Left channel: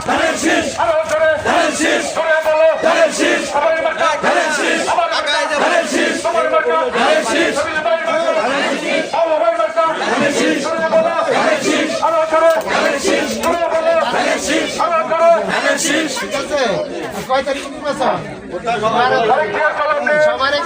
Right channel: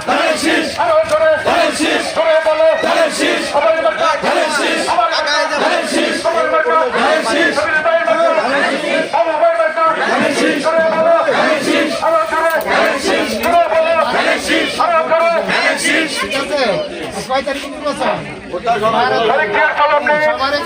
ধানের শীষ আরও জোরে ধানের শীষ জোরে বলো ধানের শীষ সবাই মার্কা ধানের শীষ সবার মার্কা ধানের শীষ সবার মার্কা ধানের শীষ ধানের শীষ সবার মার্কা ধানের শীষ জোরে বলো ধানের শীষ আরও জোরে ধানের শীষ জোরে বলো ধানের শীষ আরও জোরে ধানের শীষ ঠিক আছে কয় তারিখ নির্বাচন নেই সবার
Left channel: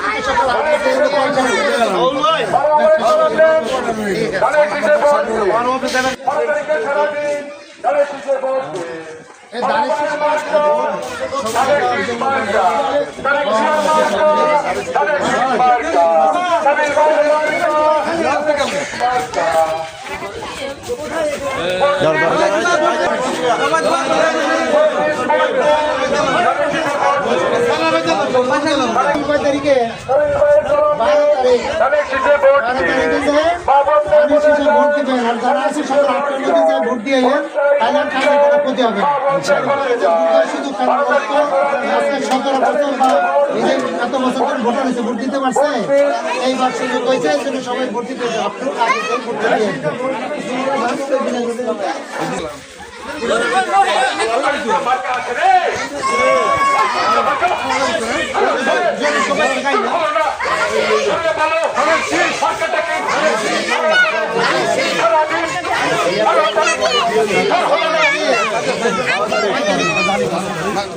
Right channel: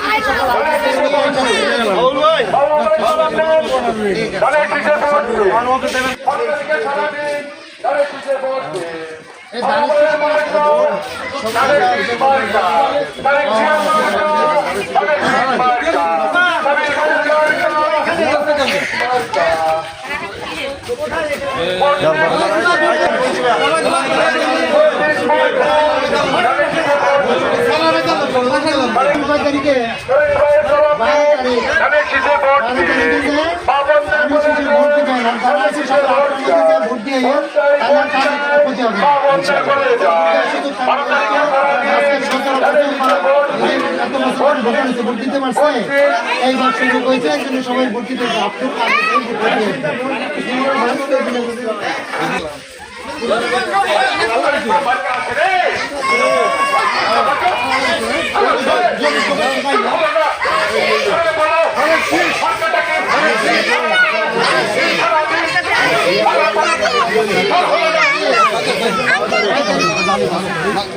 তারিখে বারো আছে যে ভোট দিয়ে যান তাহলে আর কাজে কোনো ক্ষতি হবে এই এত বছর ভোট হয়েছে ভোট দিতে পারছে? এইবার সুযোগ হয়েছে এই জন্য সবাই ভোট দিতে হবে আপনি আগে থেকে ভোট দিয়ে দিন।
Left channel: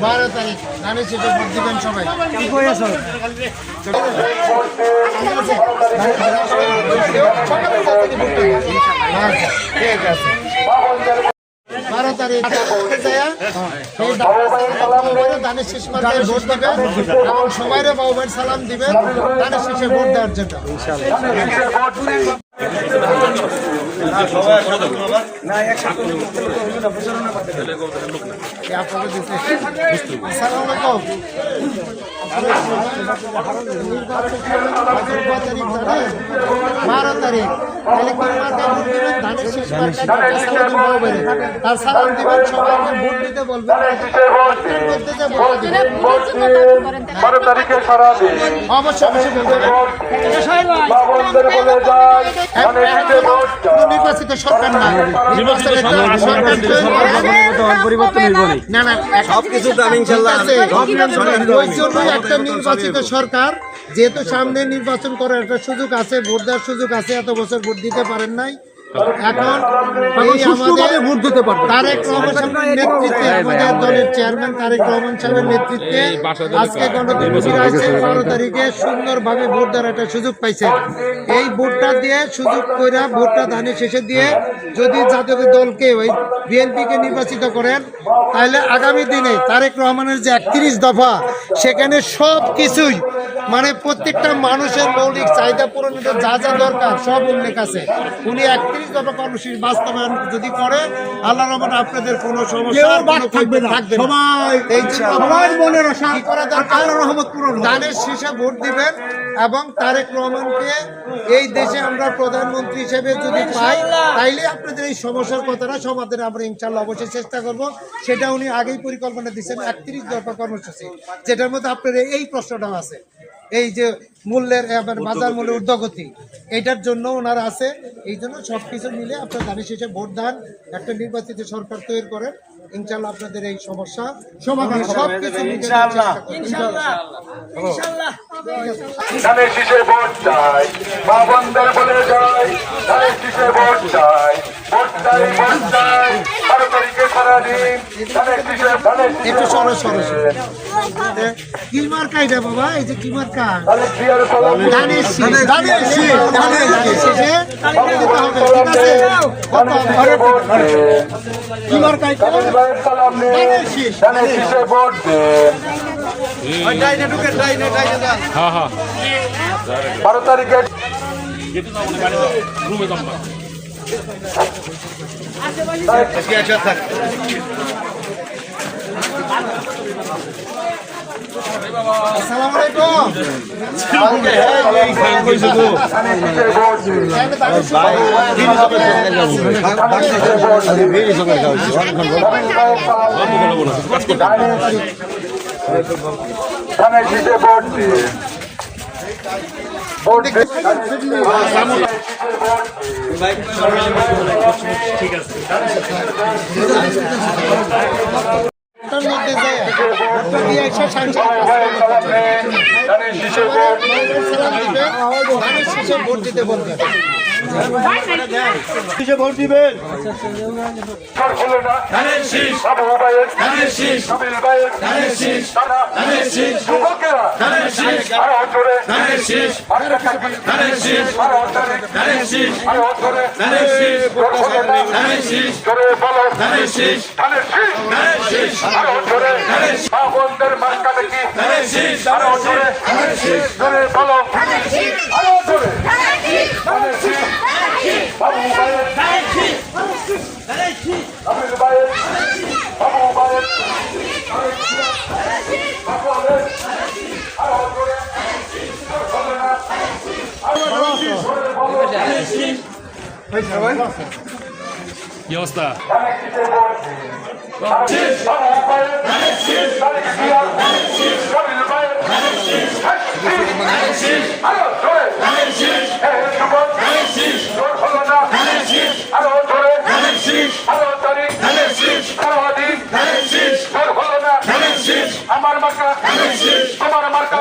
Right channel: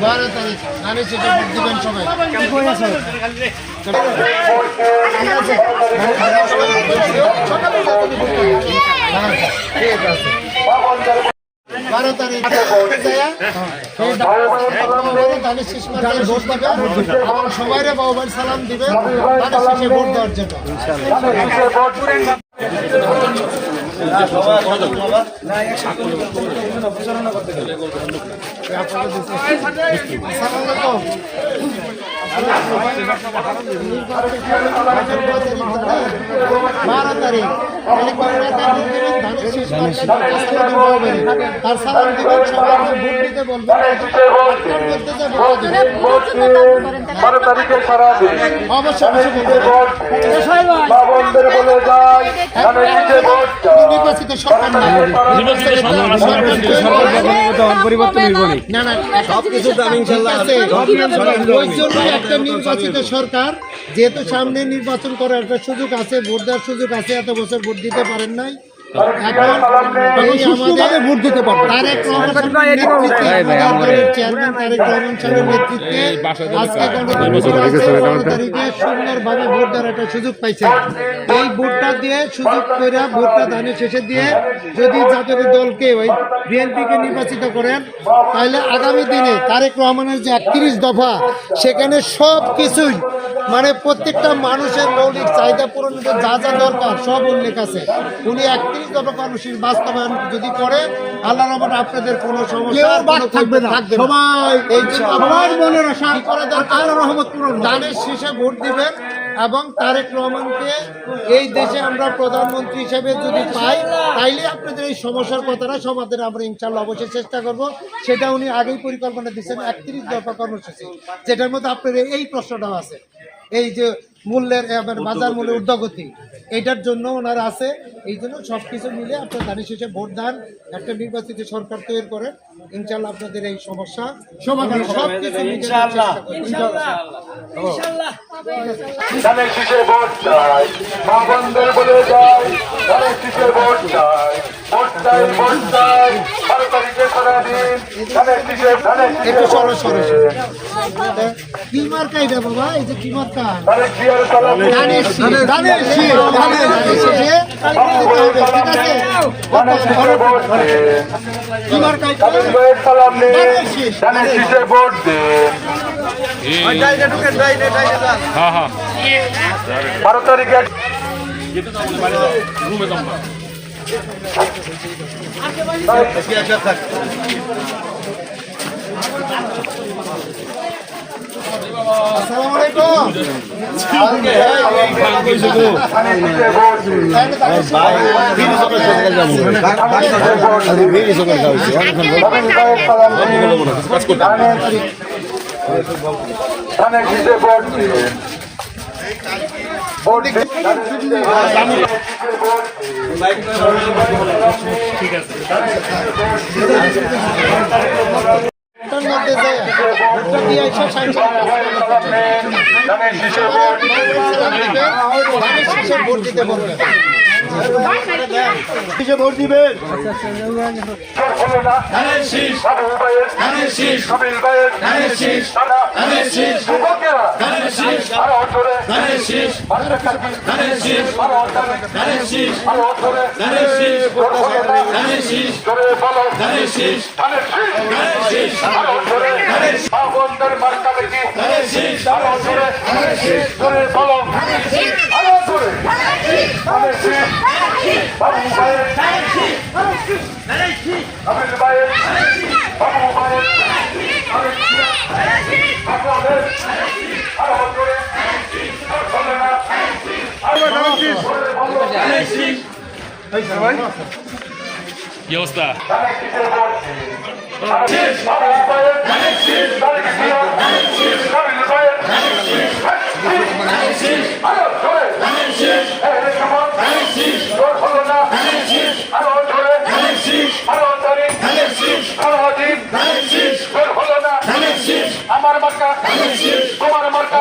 বারো তারিখ ধানের শেষে ভোট দিবেন সবাই ঠিক আছে বারো তারিখ দানের শেষ মার্কায় ভোট বাবুবাই সালাম দিবেন দানের শেষে ভোট দেওয়ার জন্য বারো তারিখ তাহলে দিবেন ধানের শেষ মার্কায় সালাম দিবেন সবাইকে ভোট দিতে বলবেন আপনার মধ্যে যে ভোট বারো তারিখে অবশ্যই অবশ্যই বলবেন নির্বাচিত সরকার না। সবকিছু একটা নির্বাচিত সরকার যেহেতু সামনে নির্বাচন করার একটা সুযোগ আছে ভোট দেওয়ার সুযোগ আছে এত বছর ভোট দিতে পারেন নাই এখন ভোট দিতে পারবে। তারেক রহমান সাহেবের নেতৃত্বে আমাদের দলের চেয়ারম্যান তারেক রহমান সাহেবের নেতৃত্বে আজকে গণতন্ত্র তারিখে সুন্দরভাবে ভোট দেওয়ার একটা সুযোগ পাইছে। এই ভোটটা দিয়ে সুযোগ করে ভোটটা ধানের শেষে দিয়ে যদি জাতীয় দলকে ওই বিএনপিকে নির্বাচিত করেন তাহলে আগামী দিনে তারেক রহমানের যে একত্রিশ দফা সেখানে সব কিছুই মানে প্রত্যেকটা মানুষের মৌলিক চাহিদা পূরণের যা যা দরকার সব উল্লেখ আছে। উনি একত্রিশ দফা কর্মসূচি বাস্তবায়ন যদি করে আল্লাহ রহমান আপনাদের কোনো সমস্যা থাকবে না। সবাই এই সবার মনের আশা করা দরকার? রহমত পূরণ দানের শেষে ভোট দিবেন এবং তারেক রহমানকে এই দেশে আমরা প্রধানমন্ত্রী হিসেবে যদি পাই তাইলে আপনাদের এই সমস্যার কথাটা সমাধানে আমরা ইনশাল্লাহ অবশ্যই চেষ্টা করব। সেটা উনি আগেই পরিকল্পনা দিচ্ছেন একত্রিশ দফা কর্মসূচি যেটার মধ্যে আপনার এই প্রশ্নটাও আছে। এই যে মূল্যের বাজার মূল্যের ঊর্ধ্বগতি এটার জন্য ওনারা আছে। এই জন্য সব কিছু মিলে আপনার ধানের শেষে ভোট দান একটা নির্বাচিত সরকার তৈরি করেন। ইনশাল্লাহ আপনাদের এই সমস্যা সমাধান সব কিছু ধানের শীষে ভোট চাই মা বন্ধের বলে যায় ধানের শীষে ভোট চাই ভোট চাই ভোট চাই বারো তারিখে সারাদিন ধানের শীষে ধানের একটু সরো সরো কি মার্কা এটা বাবা এই যে কি মার্কা ধানের শীষের সালাম দিন। ধানের শীষ ধানের শীষ ধানের শীষে হবে ঠিক আছে। কি মার্কা এটা ধানের শীষ। ধানের শীষে ভোট দিন শীষে ভোট দিন তাহলে ধানের শীষ ধানের শীষে ভোট ধানের গায়ের সালাম নিন। ধানের শীষে ভোট শেষে দিতে বলবেন। ভোট দিবেন? আরও আরও আরও আরও মার্কা দেখি আরও জোরে শীষ জোরে বলো আরও জোরে ধানের শীষ ধানের শীষ বাবু শীষ কাবিল ভাইয়ের বাবু শীষ কি অবস্থা আমার মার্কা তোমার মার্কা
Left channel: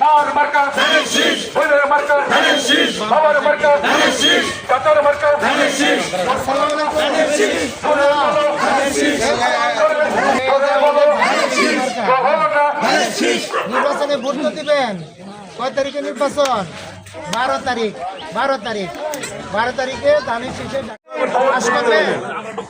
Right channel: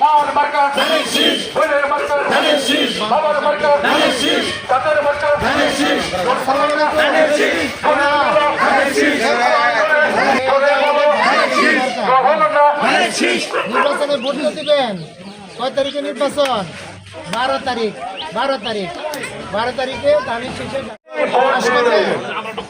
মার মার্কা বোনের মার্কা বাবার মার্কা বাতার মার্কা নির্বাচনে ভোটটা দিবেন। কয় তারিখে নির্বাচন? বারো তারিখ। বারো তারিখ। বারো তারিখে ধানের শেষে।